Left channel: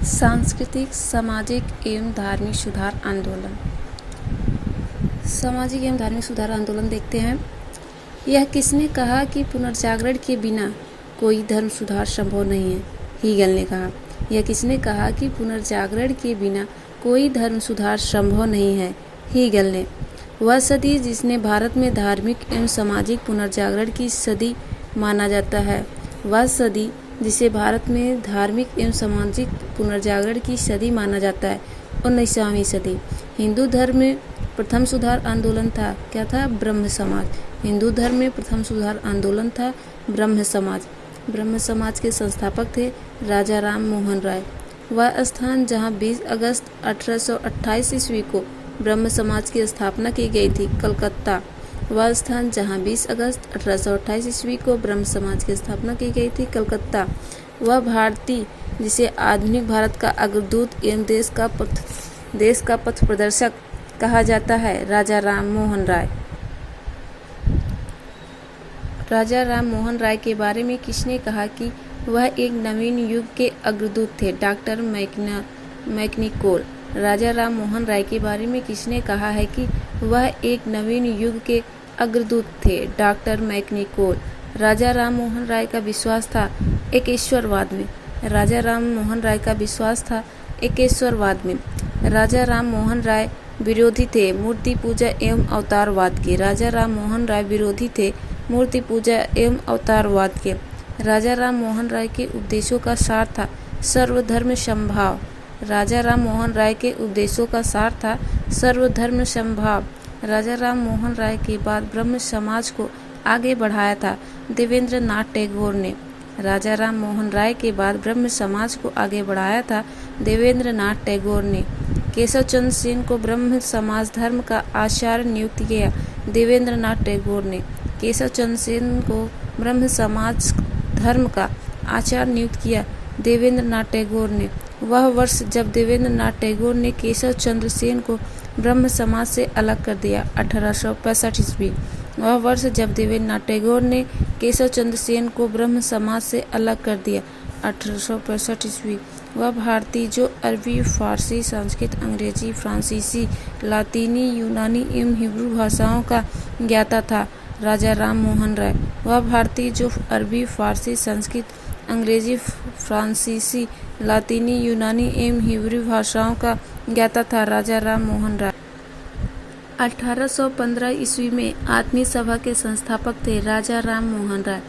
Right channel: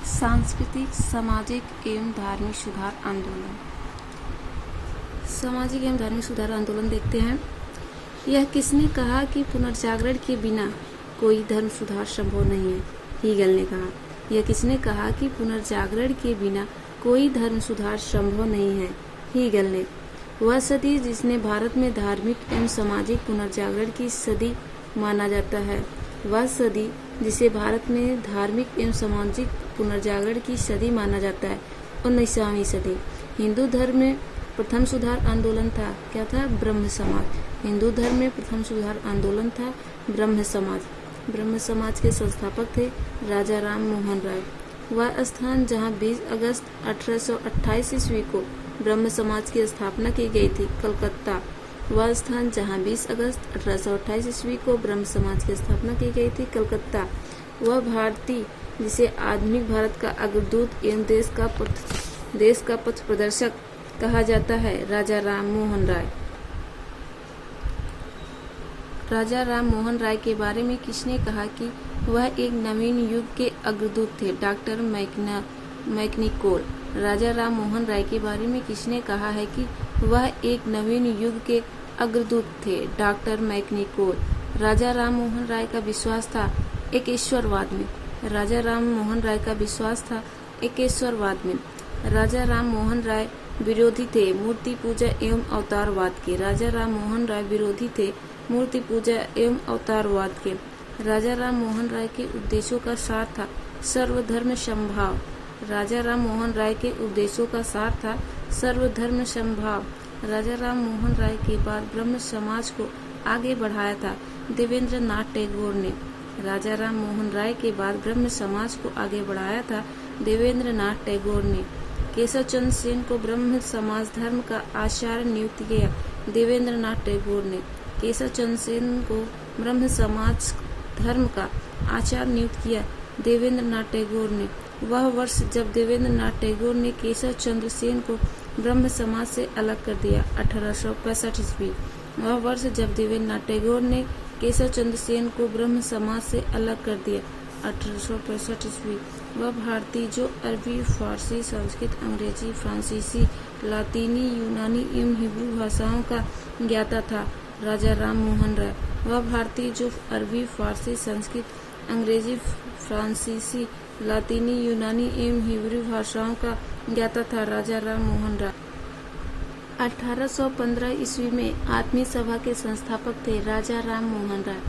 सांस्कृतिक, सामाजिक एवं धार्मिक सुधार आंदोलन। सामाजिक एवं धार्मिक सुधार आंदोलन देखते हैं। यह किसने कहा कि पुनर्जागरण के बिना कोई धर्म सुधार संभव नहीं है? हीगल ने कहा। यह किसने कहा कि पुनर्जागरण के बिना कोई धर्म सुधार संभव नहीं है? हीगल ने। वह सदी जिसने भारत में धार्मिक एवं सामाजिक पुनर्जागरण की सदी माना जाता है, वह सदी जिसे भारत में धार्मिक एवं सामाजिक पुनर्जागरण की सदी माना जाता है, 19वीं सदी। हिंदू धर्म में प्रथम सुधार आंदोलन था। क्या था? ब्रह्म समाज। हिंदू धर्म में प्रथम सुधार आंदोलन था ब्रह्म समाज। ब्रह्म समाज के संस्थापक थे राजा राम मोहन राय। वह स्थान जहां 20 अगस्त 1828 ईस्वी को ब्रह्म समाज की स्थापना की गई थी, कलकत्ता। वह स्थान जहां 20 अगस्त 1828 ईस्वी को ब्रह्म समाज की स्थापना की गई थी, कलकत्ता। वह भारतीय जिसे आधुनिक भारत का अग्रदूत एवं देश का पथ प्रदर्शक कहा जाता है, राजा राम मोहन राय। राजा राम मोहन राय के बारे में किसने कहा कि वह एक नवीन युग के अग्रदूत थे? डॉक्टर मैकनिकोल। राजा राम मोहन राय के बारे में किसने कहा है कि वह एक नवीन युग के अग्रदूत थे? डॉक्टर मैकनिकोल। राजा राम मोहन राय का विश्वास था एकेश्वरवाद में। राजा राम मोहन राय का विश्वास था एकेश्वरवाद में। राजा राम मोहन राय विरोधी थे मूर्ति पूजा एवं अवतारवाद के। राजा राम मोहन राय विरोधी थे मूर्ति पूजा एवं अवतारवाद के। राजा राम मोहन राय के उपदेशों का सार था सर्वधर्म समभाव। राजा राम मोहन राय के उपदेशों का सार था सर्वधर्म समभाव। राजा राम मोहन राय के बाद ब्रह्म समाज को आगे बढ़ाया था देवेंद्र नाथ टैगोर ने। राजा राम मोहन राय के बाद ब्रह्म समाज को आगे बढ़ाया था देवेंद्र नाथ टैगोर ने। केशव चंद्र सेन को ब्रह्म समाज धर्म का आचार्य नियुक्त किया देवेंद्र नाथ टैगोर ने। केशव चंद्र सेन को ब्रह्म समाज धर्म का आचार्य नियुक्त किया देवेंद्र नाथ टैगोर ने। वह वर्ष जब देवेंद्र नाथ टैगोर ने केशव चंद्र सेन को ब्रह्म समाज से अलग कर दिया, 1865 ईस्वी। वह वर्ष जब देवेंद्र नाथ टैगोर ने केशव चंद्र सेन को ब्रह्म समाज से अलग कर दिया, 1865 ईस्वी। वह भारतीय जो अरबी, फारसी, संस्कृत, अंग्रेजी, फ्रांसीसी, लातीनी, यूनानी एवं हिब्रू भाषाओं का ज्ञाता था, राजा राम मोहन राय। वह भारतीय जो अरबी, फारसी, संस्कृत, अंग्रेजी, फ्रांसीसी, लातीनी, यूनानी एवं हिब्रू भाषाओं का ज्ञाता था, राजा राम मोहन राय। 1815 ईस्वी में आत्मीय सभा के संस्थापक थे राजा राम मोहन राय।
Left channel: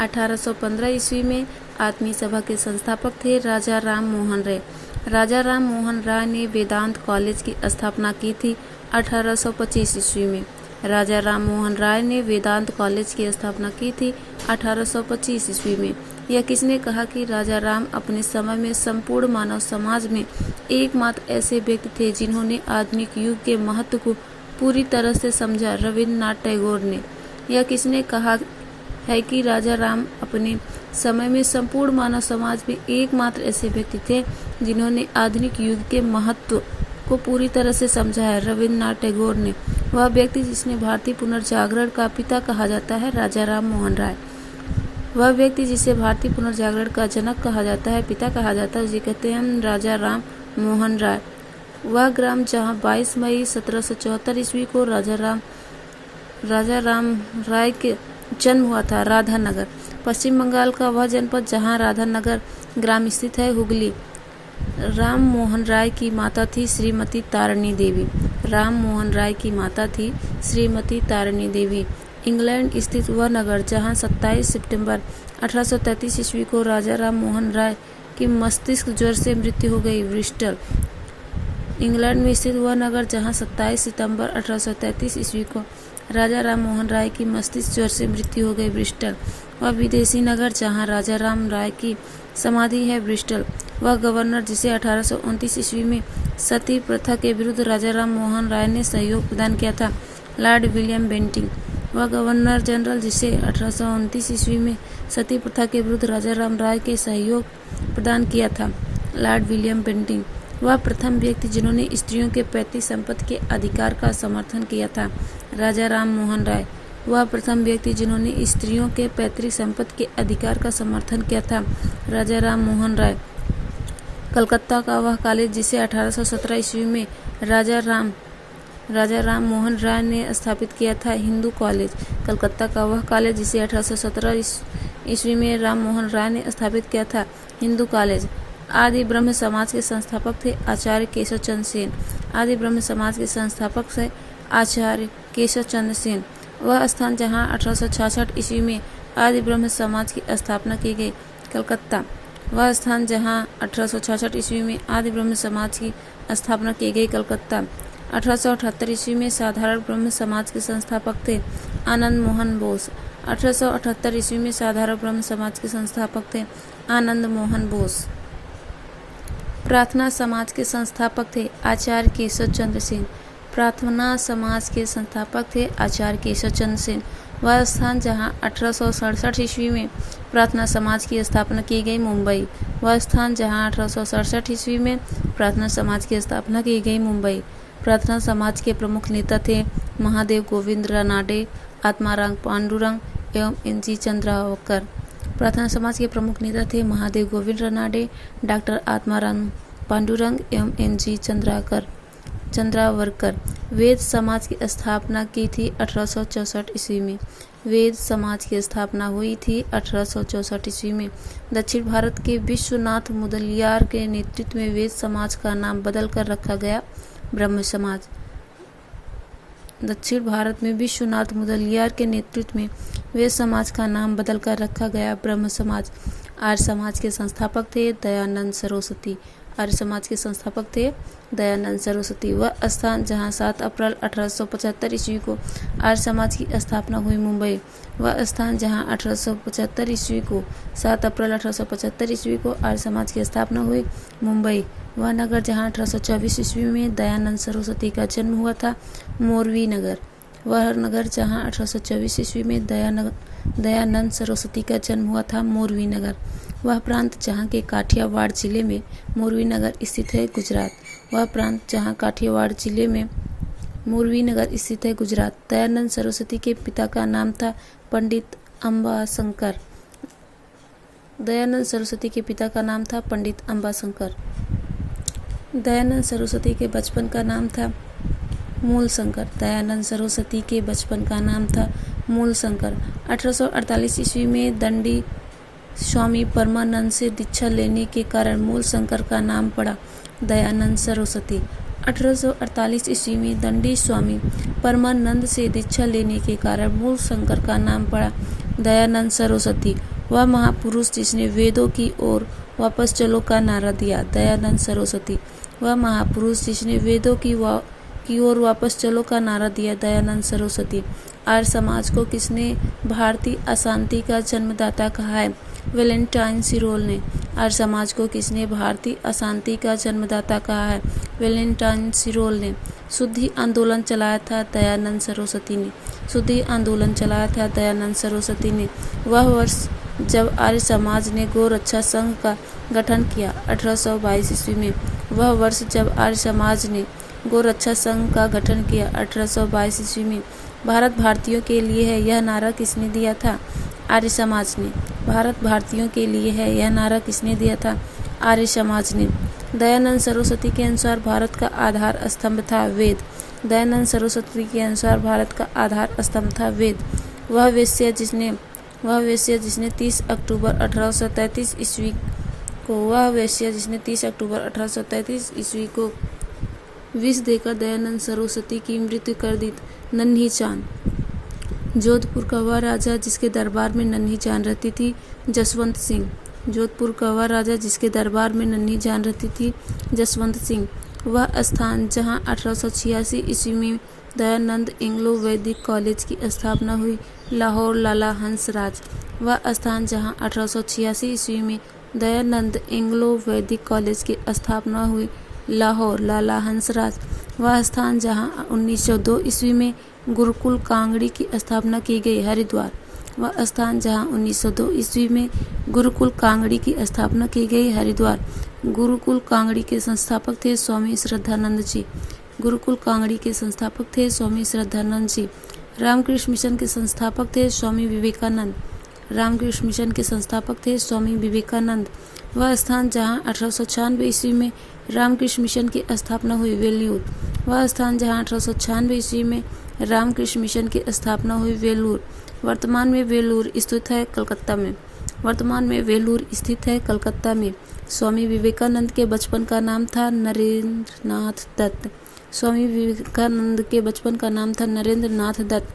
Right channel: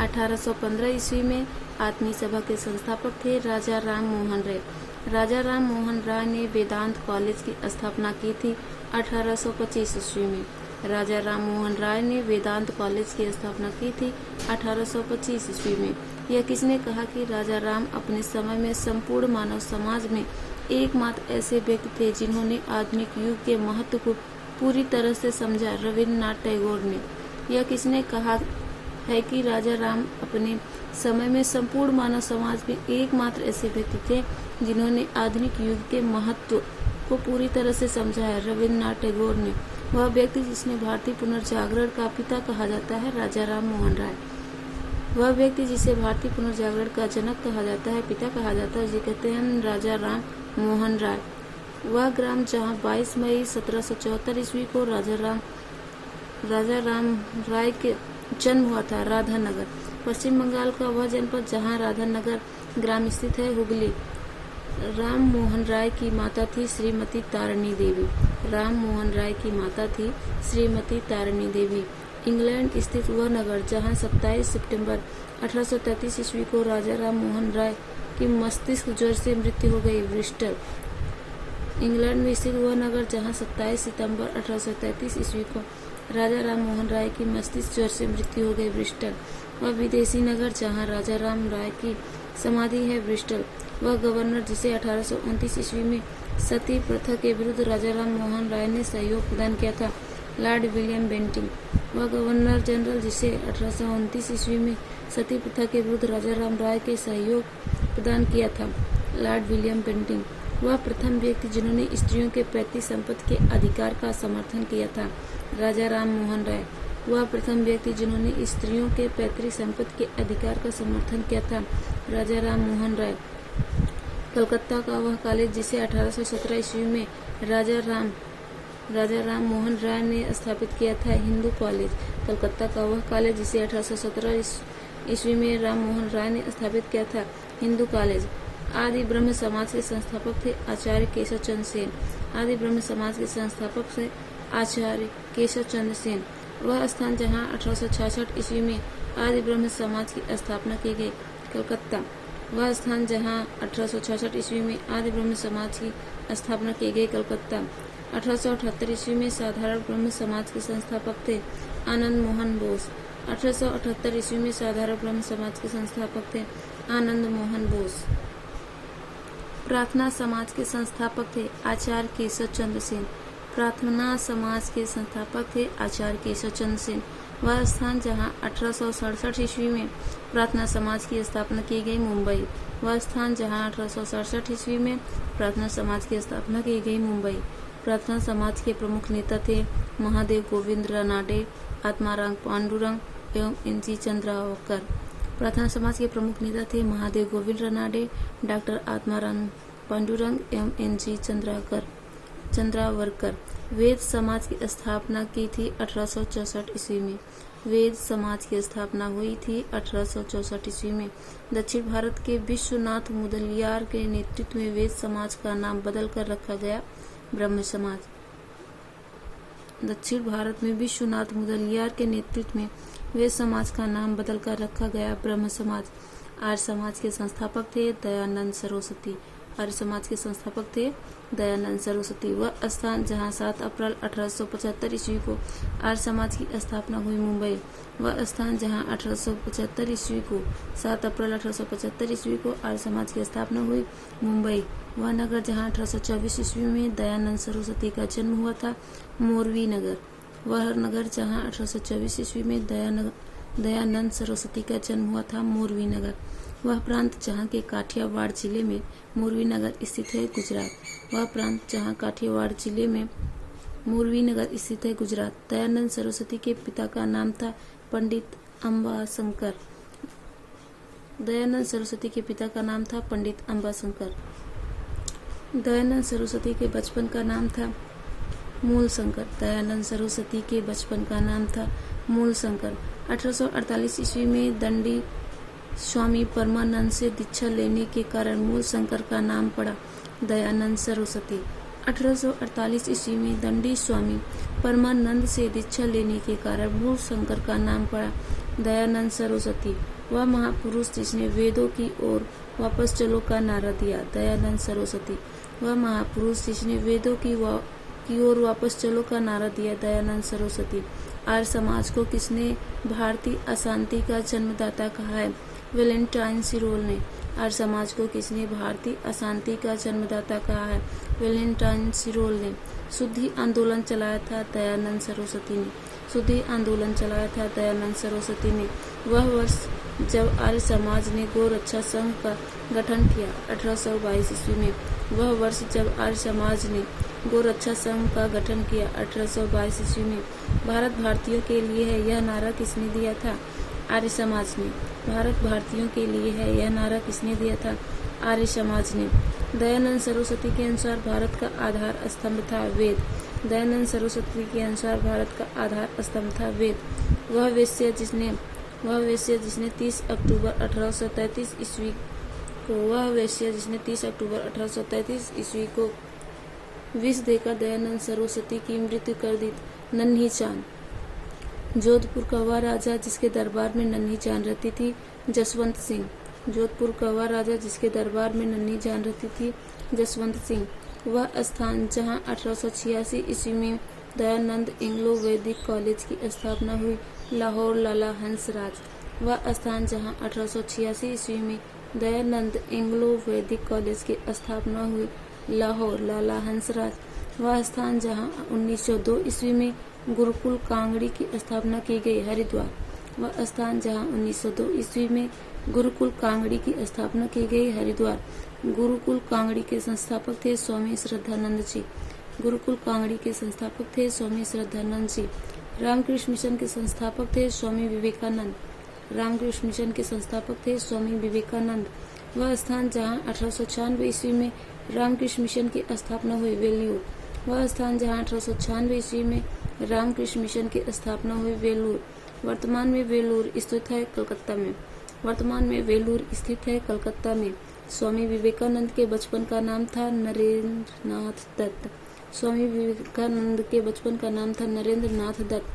1815 ईस्वी में आत्मीय सभा के संस्थापक थे राजा राम मोहन राय। राजा राम मोहन राय ने वेदांत कॉलेज की स्थापना की थी 1825 ईस्वी में। राजा राम मोहन राय ने वेदांत कॉलेज की स्थापना की थी 1825 ईस्वी में। यह किसने कहा कि राजा राम अपने समय में संपूर्ण मानव समाज में एकमात्र ऐसे व्यक्ति थे जिन्होंने आधुनिक युग के महत्व को पूरी तरह से समझा? रविन्द्रनाथ टैगोर ने। यह किसने कहा है कि राजा राम अपने समय में संपूर्ण मानव समाज में एकमात्र ऐसे व्यक्ति थे जिन्होंने आधुनिक युग के महत्व को पूरी तरह से समझा है? रविन्द्रनाथ टैगोर ने। वह व्यक्ति जिसने भारतीय पुनर्जागरण का पिता कहा जाता है, राजा राम मोहन राय। वह व्यक्ति जिसे भारतीय पुनर्जागरण का जनक कहा जाता है, पिता कहा जाता है, जिसे कहते हैं राजा राम मोहन राय। वह ग्राम जहां 22 मई 1774 ईस्वी को राजा राम राय के जन्म हुआ था, राधानगर, पश्चिम बंगाल का वह जनपद जहां राधानगर ग्राम स्थित है, हुगली। राम मोहन राय की माता थी श्रीमती तारिणी देवी। राम मोहन राय की माता थी श्रीमती तारिणी देवी। इंग्लैंड स्थित वह नगर जहां 27 सितंबर 1833 ईस्वी को राजा राम मोहन राय की मस्तिष्क ज्वर से मृत्यु हो गई, ब्रिस्टल। इंग्लैंड में स्थित वह नगर जहां 27 सितंबर 1833 ईस्वी को राजा राम मोहन राय की मस्तिष्क ज्वर से मृत्यु हो गई, ब्रिस्टल। वह विदेशी नगर जहां राजा राम राय की समाधि है, ब्रिस्टल। वह गवर्नर जिसे 1829 ईस्वी में सती प्रथा के विरुद्ध राजा राम मोहन राय ने सहयोग प्रदान किया था, लॉर्ड विलियम बेंटिंग। वह गवर्नर जनरल जिसे 1829 ईस्वी में सती प्रथा के विरुद्ध राजा राम राय के सहयोग प्रदान किया था, लॉर्ड विलियम बेंटिंग। वह प्रथम व्यक्ति जिन्होंने स्त्रियों के पैतृक संपत्ति के अधिकार का समर्थन किया था, राजा राम मोहन राय। वह प्रथम व्यक्ति जिन्होंने स्त्रियों के पैतृक संपत्ति के अधिकार का समर्थन किया था, राजा राम मोहन राय। कलकत्ता का वह कॉलेज जिसे 1817 ईस्वी में राजा राम मोहन राय ने स्थापित किया था, हिंदू कॉलेज। कलकत्ता का वह कॉलेज जिसे 1817 ईस्वी में राम मोहन राय ने स्थापित किया था, हिंदू कॉलेज। आदि ब्रह्म समाज के संस्थापक थे आचार्य केशव चंद्र सेन। आदि ब्रह्म समाज के संस्थापक थे आचार्य केशव चंद्र सेन। वह स्थान जहां 1866 ईस्वी में आदि ब्रह्म समाज की स्थापना की गई, कलकत्ता। वह स्थान जहां 1866 ईस्वी में आदि ब्रह्म समाज की स्थापना की गई, कलकत्ता। 1878 ईस्वी में साधारण ब्रह्म समाज के संस्थापक थे आनंद मोहन बोस। 1878 ईस्वी में साधारण ब्रह्म समाज के संस्थापक थे आनंद मोहन बोस। प्रार्थना समाज के संस्थापक थे आचार्य केशव चंद्र सेन। प्रार्थना समाज के संस्थापक थे आचार्य केशव चंद्र सेन। वह स्थान जहां 1867 ईस्वी में प्रार्थना समाज की स्थापना की गई, मुंबई। वह स्थान जहां 1867 ईस्वी में प्रार्थना समाज की स्थापना की गई, मुंबई। प्रार्थना समाज के प्रमुख नेता थे महादेव गोविंद रानाडे, आत्माराम पांडुरंग एवं एन.जी. चंद्रावकर। प्रार्थना समाज के प्रमुख नेता थे महादेव गोविंद रानाडे, डॉक्टर आत्माराम पांडुरंग एवं एन.जी. चंद्रावकर। वेद समाज की स्थापना की थी 1864 ईस्वी में। वेद समाज की स्थापना हुई थी 1864 ईस्वी में। दक्षिण भारत के विश्वनाथ मुदलियार के नेतृत्व में वेद समाज का नाम बदलकर रखा गया ब्रह्म समाज। दक्षिण भारत में विश्वनाथ मुदलियार के नेतृत्व में वेद समाज का नाम बदलकर रखा गया ब्रह्म समाज। आर्य समाज के संस्थापक थे दयानंद सरस्वती। आर्य समाज के संस्थापक थे दयानंद सरस्वती। वह स्थान जहां 7 अप्रैल 1875 ईस्वी को आर्य समाज की स्थापना हुई, मुंबई। वह स्थान जहां 1875 ईस्वी को 7 अप्रैल 1875 ईस्वी को आर्य समाज की स्थापना हुई, मुंबई। वह नगर जहां 1824 ईस्वी में दयानंद सरस्वती का जन्म हुआ था, मोरवी नगर। वह नगर जहां 1824 ईस्वी में दयानंद सरस्वती का जन्म हुआ था, मोरवी नगर। वह प्रांत जहां के काठियावाड़ जिले में मोरवी नगर स्थित है, गुजरात। वह प्रांत जहां काठियावाड़ जिले में मोरवी नगर स्थित है, गुजरात। दयानंद सरस्वती के पिता का नाम था पंडित अंबाशंकर। दयानंद सरस्वती के पिता का नाम था पंडित अंबाशंकर। दयानंद सरस्वती के बचपन का नाम था मूलशंकर। दयानंद सरस्वती के बचपन का नाम था मूलशंकर। 1848 ईस्वी में दंडी स्वामी परमानंद से दीक्षा लेने के कारण मूलशंकर का नाम पड़ा दयानंद सरस्वती। 1848 ईस्वी में दंडी स्वामी परमानंद से दीक्षा लेने के कारण मूलशंकर का नाम पड़ा दयानंद सरस्वती। वह महापुरुष जिसने वेदों की ओर वापस चलो का नारा दिया, दयानंद सरस्वती। वह महापुरुष जिसने वेदों की ओर वापस चलो का नारा दिया, दयानंद सरस्वती। आर्य समाज को किसने भारतीय अशांति का जन्मदाता कहा है, वैलेंटाइन सिरोल ने। आर्य समाज को किसने भारतीय अशांति का जन्मदाता कहा है, वैलेंटाइन सिरोल ने। शुद्धि आंदोलन चलाया था दयानंद सरस्वती ने। शुद्धि आंदोलन चलाया था दयानंद सरस्वती ने। वह वर्ष जब आर्य समाज ने गोरक्षा संघ का गठन किया, 1822 ईस्वी में। वह वर्ष जब आर्य समाज ने गोरक्षा संघ का गठन किया, 1822 ईस्वी में। भारत भारतीयों के लिए है, यह नारा किसने दिया था, आर्य समाज ने। भारत भारतीयों के लिए है, यह नारा किसने दिया था, आर्य समाज ने। दयानंद सरस्वती के अनुसार भारत का आधार स्तंभ था वेद। दयानंद सरस्वती के अनुसार भारत का आधार स्तंभ था वेद। वह वेश्या जिसने 30 अक्टूबर 1833 ईस्वी को विष देकर दयानंद सरस्वती की मृत्यु कर दी, नन्ही चांद। जोधपुर का वह राजा जिसके दरबार में नन्ही चांद रहती थी, जसवंत सिंह। जोधपुर का वह राजा जिसके दरबार में नन्ही चांद रहती थी, जसवंत सिंह। वह स्थान जहां 1886 ईस्वी में दयानंद एंग्लो वैदिक कॉलेज की स्थापना हुई, लाहौर, लाला हंसराज। वह स्थान जहां 1886 ईस्वी में दयानंद एंग्लो वैदिक कॉलेज की स्थापना हुई, लाहौर, लाला हंसराज। वह स्थान जहां 1902 ईस्वी में गुरुकुल कांगड़ी की स्थापना की गई, हरिद्वार। वह स्थान जहां 1902 ईस्वी में गुरुकुल कांगड़ी की स्थापना की गई, हरिद्वार। गुरुकुल कांगड़ी के संस्थापक थे स्वामी श्रद्धानंद जी। गुरुकुल कांगड़ी के संस्थापक थे स्वामी श्रद्धानंद जी। रामकृष्ण मिशन के संस्थापक थे स्वामी विवेकानंद। रामकृष्ण मिशन के संस्थापक थे स्वामी विवेकानंद। वह स्थान जहाँ 1896 ईस्वी में रामकृष्ण मिशन की स्थापना हुई, वेल्लूर। वह स्थान जहाँ 1896 ईस्वी में रामकृष्ण मिशन की स्थापना हुई, वेल्लूर। वर्तमान में वेल्लूर स्थित है कलकत्ता में। वर्तमान में वेल्लूर स्थित है कलकत्ता में। स्वामी विवेकानंद के बचपन का नाम था नरेंद्र नाथ दत्त। स्वामी विवेकानंद के बचपन का नाम था नरेंद्र नाथ दत्त।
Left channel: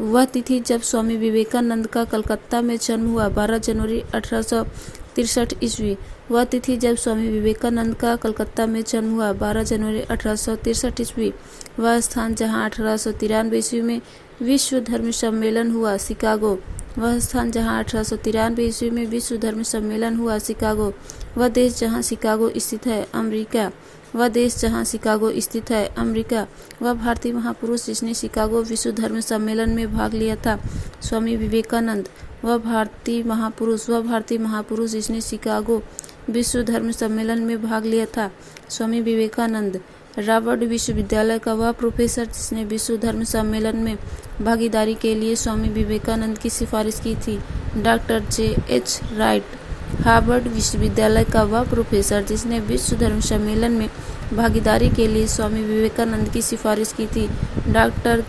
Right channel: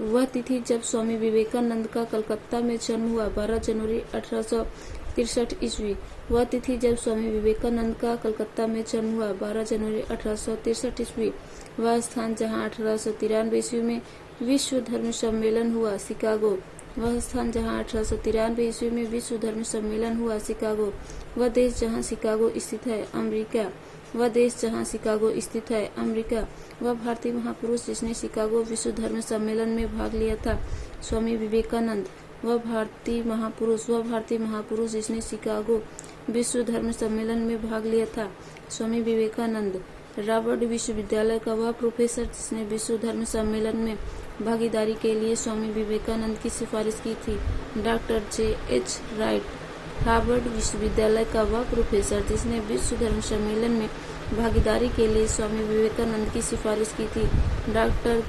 वह तिथि जब स्वामी विवेकानंद का कलकत्ता में जन्म हुआ, 12 जनवरी 1863 ईस्वी। वह तिथि जब स्वामी विवेकानंद का कलकत्ता में जन्म हुआ, 12 जनवरी 1863 ईस्वी। वह स्थान जहाँ 1893 ईस्वी में विश्व धर्म सम्मेलन हुआ, शिकागो। वह स्थान जहाँ 1893 ईस्वी में विश्व धर्म सम्मेलन हुआ, शिकागो। वह देश जहाँ शिकागो स्थित है, अमेरिका। वह देश जहाँ शिकागो स्थित है, अमेरिका। वह भारतीय महापुरुष जिसने शिकागो विश्व धर्म सम्मेलन में भाग लिया था, स्वामी विवेकानंद। वह भारतीय महापुरुष जिसने शिकागो विश्व धर्म सम्मेलन में भाग लिया था, स्वामी विवेकानंद। रावर्ड विश्वविद्यालय का वह प्रोफेसर जिसने विश्व धर्म सम्मेलन में भागीदारी के लिए स्वामी विवेकानंद की सिफारिश की थी, डॉक्टर J.H. राइट। हार्वर्ड विश्वविद्यालय का वह प्रोफेसर जिसने विश्व धर्म सम्मेलन में भागीदारी के लिए स्वामी विवेकानंद की सिफारिश की थी, डॉक्टर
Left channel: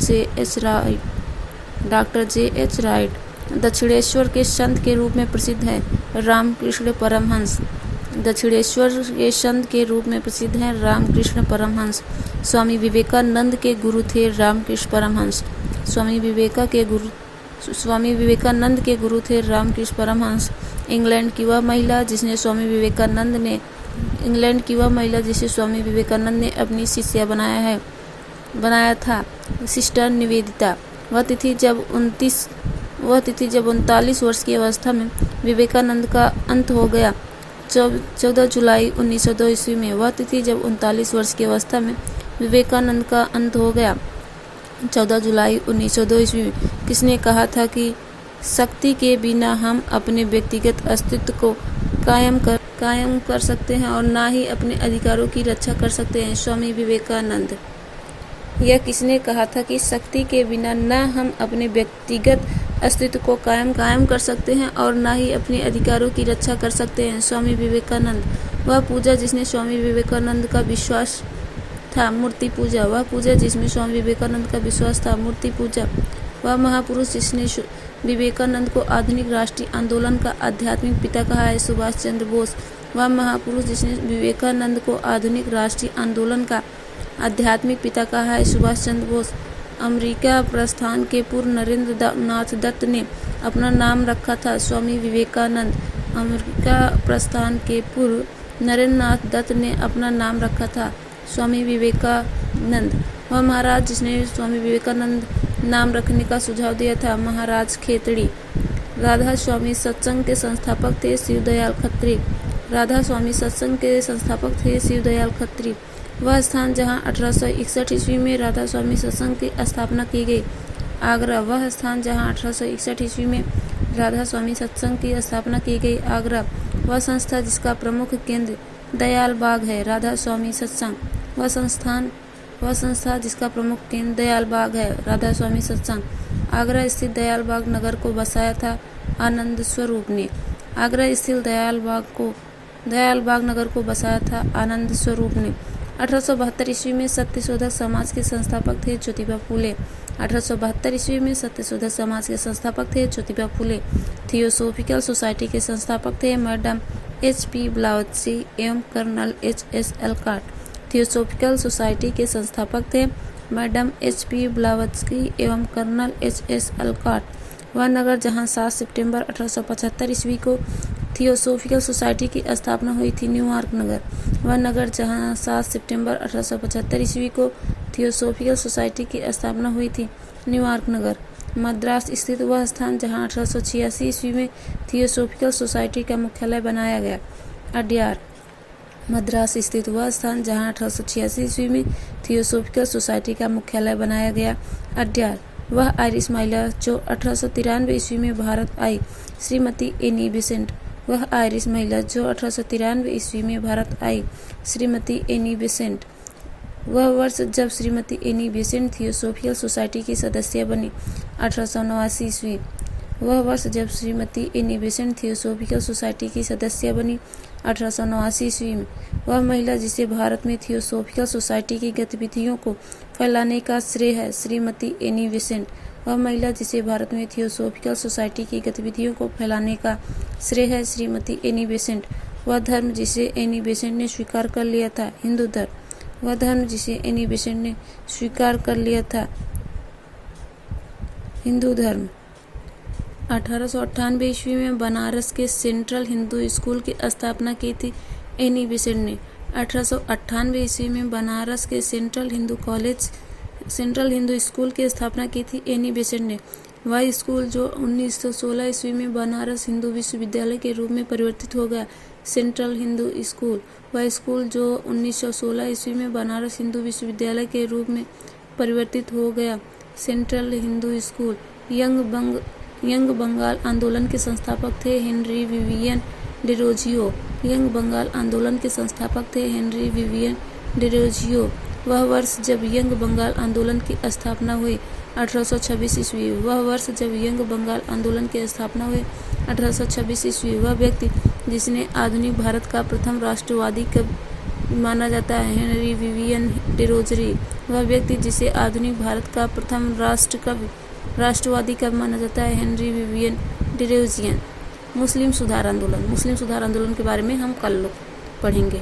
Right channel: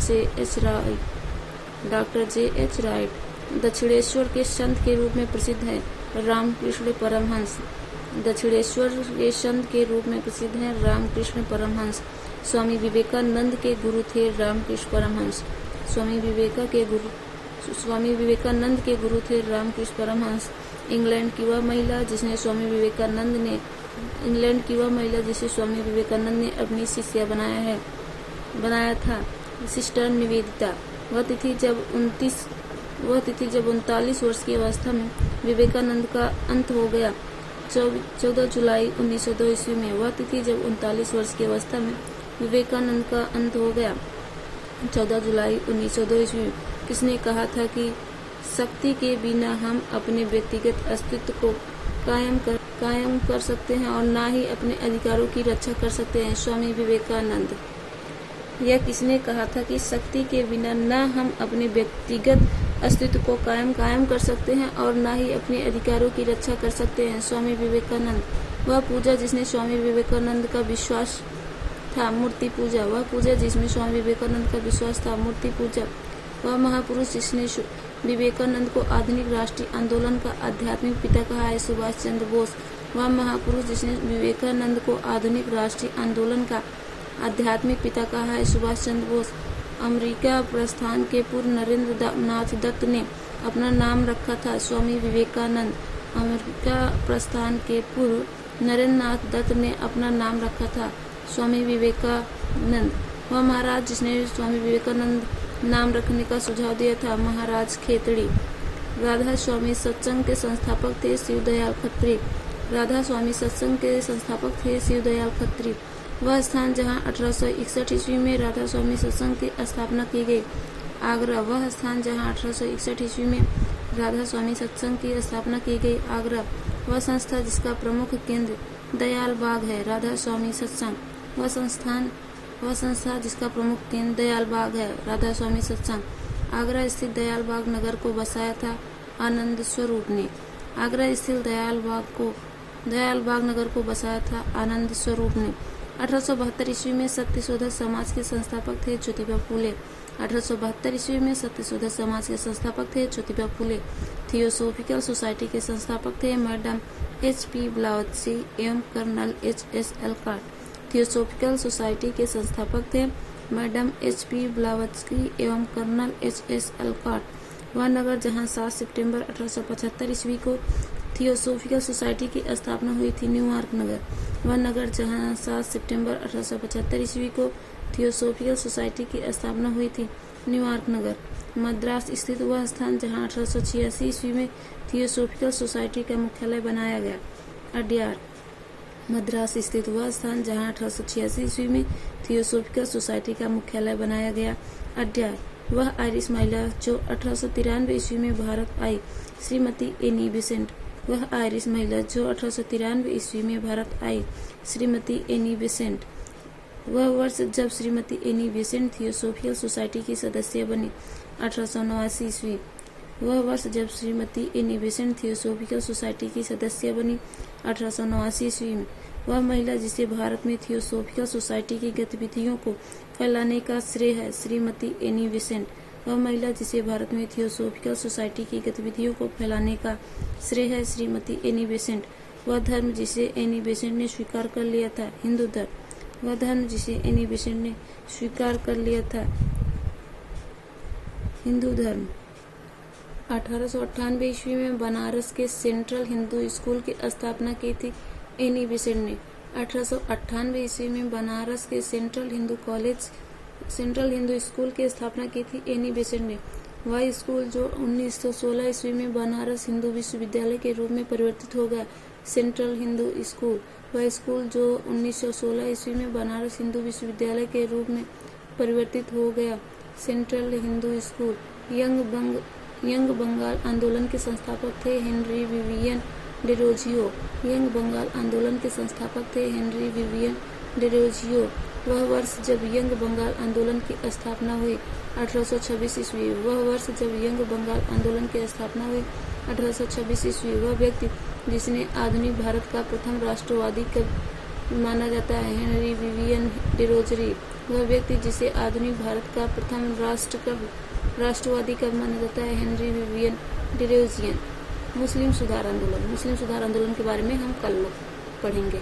J.H. राइट। दक्षिणेश्वर के संत के रूप में प्रसिद्ध है, रामकृष्ण परमहंस। दक्षिणेश्वर के संत के रूप में प्रसिद्ध है, रामकृष्ण परमहंस। स्वामी विवेकानंद के गुरु थे रामकृष्ण परमहंस। स्वामी विवेकानंद के गुरु थे रामकृष्ण परमहंस। इंग्लैंड की वह महिला जिसे स्वामी विवेकानंद ने अपनी शिष्या बनाया था, सिस्टर निवेदिता। वह तिथि जब 39 वर्ष की अवस्था में विवेकानंद का अंत हो गया, 14 जुलाई 1902 ईस्वी में। वह तिथि जब 39 वर्ष की अवस्था में विवेकानंद का अंत हो गया, 14 जुलाई 1902 ईस्वी में। किसने कहा था कि शक्ति के बिना हम अपने व्यक्तिगत अस्तित्व को कायम कर सकते हैं और ना ही अपने अधिकारों की रक्षा कर सकते हैं, स्वामी विवेकानंद। यह किसने कहा था कि शक्ति के बिना न हम अपने व्यक्तिगत अस्तित्व को कायम कर सकते हैं और ना ही अपने अधिकारों की रक्षा कर सकते हैं, स्वामी विवेकानंद। वह पूजा जिसने स्वामी विवेकानंद का विश्वास था, मूर्ति पूजा। वह पूजा जिसमें स्वामी विवेकानंद का विश्वास था, मूर्ति पूजा। वह महापुरुष जिसने विवेकानंद को आधुनिक राष्ट्रीय आंदोलन का आध्यात्मिक पिता कहा है, सुभाष चंद्र बोस। वह महापुरुष जिसने विवेकानंद को आधुनिक राष्ट्रीय आंदोलन का आध्यात्मिक पिता कहा है, सुभाष चंद्र बोस। अमेरिका प्रस्थान के पूर्व नरेंद्र नाथ दत्त ने अपना नाम रखा था, स्वामी विवेकानंद। अमेरिका प्रस्थान के पूर्व नरेंद्र नाथ दत्त ने अपना नाम रखा था, स्वामी विवेकानंद। वह महाराज जिसने स्वामी विवेकानंद नाम रखने का सुझाव दिया था, महाराज खेतड़ी। राधा स्वामी सत्संग के संस्थापक थे, शिवदयाल खत्री। राधा स्वामी सत्संग के संस्थापक थे, शिवदयाल खत्री। वह स्थान जहां 1861 ईस्वी में राधा स्वामी सत्संग की स्थापना की गई, आगरा। वह स्थान जहां 1861 ईस्वी में राधा स्वामी सत्संग की स्थापना की गई, आगरा। वह संस्था जिसका प्रमुख केंद्र दयाल बाग है, राधा स्वामी सत्संग। वह संस्था जिसका प्रमुख केंद्र दयाल बाग है, राधा स्वामी सत्संग। आगरा स्थित दयाल बाग नगर को बसाया था आनंद स्वरूप ने। आगरा स्थित दयाल बाग नगर को बसाया था आनंद स्वरूप ने। 1872 ईस्वी में सत्यशोधक समाज के संस्थापक थे, ज्योतिबा फूले। 1872 ईस्वी में सत्यशोधक समाज के संस्थापक थे, ज्योतिबा फूले। थियोसोफिकल सोसाइटी के संस्थापक थे, मैडम H.P. ब्लावत्स्की एवं कर्नल H.S. एल्काट। थियोसोफिकल सोसाइटी के संस्थापक थे, मैडम H.P. ब्लावत्स्की एवं कर्नल H.S. एल्काट। वह नगर जहां 7 सितंबर 1875 ईस्वी को थियोसोफिकल सोसाइटी की स्थापना हुई थी, न्यूयॉर्क नगर। वह नगर जहां 7 सितंबर 1875 ईस्वी को थियोसोफिकल सोसाइटी की स्थापना हुई थी, न्यूयॉर्क नगर। मद्रास स्थित वह स्थान जहां 1886 ईस्वी में थियोसोफिकल सोसाइटी का मुख्यालय बनाया गया, अड्यार। मद्रास स्थित वह स्थान जहां 1886 ईस्वी में थियोसोफिकल सोसाइटी का मुख्यालय बनाया गया, अड्यार। वह आयरिश महिला जो 1893 ईस्वी में भारत आई, श्रीमती एनी बेसेंट। वह आयरिश महिला जो 1893 ईस्वी में भारत आई, श्रीमती एनी बेसेंट। वह वर्ष जब Shrimati Annie Besant theosophical society की सदस्य बनी, 1889 ईस्वी। वह वर्ष जब Shrimati Annie Besant theosophical society की सदस्य बनी, 1889 ईस्वी में। वह महिला जिसे भारत में थियोसॉफिकल सोसाइटी की गतिविधियों को फैलाने का श्रेय है श्रीमती एनी बेसेंट। वह महिला जिसे भारत में थियोसॉफिकल सोसाइटी की गतिविधियों को फैलाने का श्रेय है श्रीमती एनी बेसेंट। वह धर्म जिसे एनी बेसेंट ने स्वीकार कर लिया था हिंदू धर्म। वह धर्म जिसे एनी बेसेंट ने स्वीकार कर लिया था हिंदू धर्म। 1898 ईस्वी में बनारस के सेंट्रल हिंदू स्कूल की स्थापना की थी एनी बेसेंट ने। 1898 ईस्वी में बनारस के सेंट्रल हिंदू स्कूल की स्थापना की थी एनी बेसेंट ने। वह स्कूल जो 1916 ईस्वी में बनारस हिंदू विश्वविद्यालय के रूप में परिवर्तित हो गया सेंट्रल हिंदू स्कूल। वह स्कूल जो 1916 ईस्वी में बनारस हिंदू विश्वविद्यालय के रूप में परिवर्तित हो गया central Hindu school. Young Bengal आंदोलन के संस्थापक थे Henry Vivian Derozio. Young Bengal आंदोलन के संस्थापक थे हेनरी विवियन डिरोजियो। वह वर्ष जब यंग बंगाल आंदोलन की स्थापना हुई 1826 ईस्वी। वह वर्ष जब यंग बंगाल आंदोलन की स्थापना हुई 1826 ईस्वी। वह व्यक्ति जिसने आधुनिक भारत का प्रथम राष्ट्रवादी कवि माना जाता है हेनरी विवियन डिरोजरी। वह व्यक्ति जिसे आधुनिक भारत का प्रथम राष्ट्रवादी कवि माना जाता है हेनरी विवियन डिरोजियन। मुस्लिम सुधार आंदोलन के बारे में हम कल पढ़ेंगे।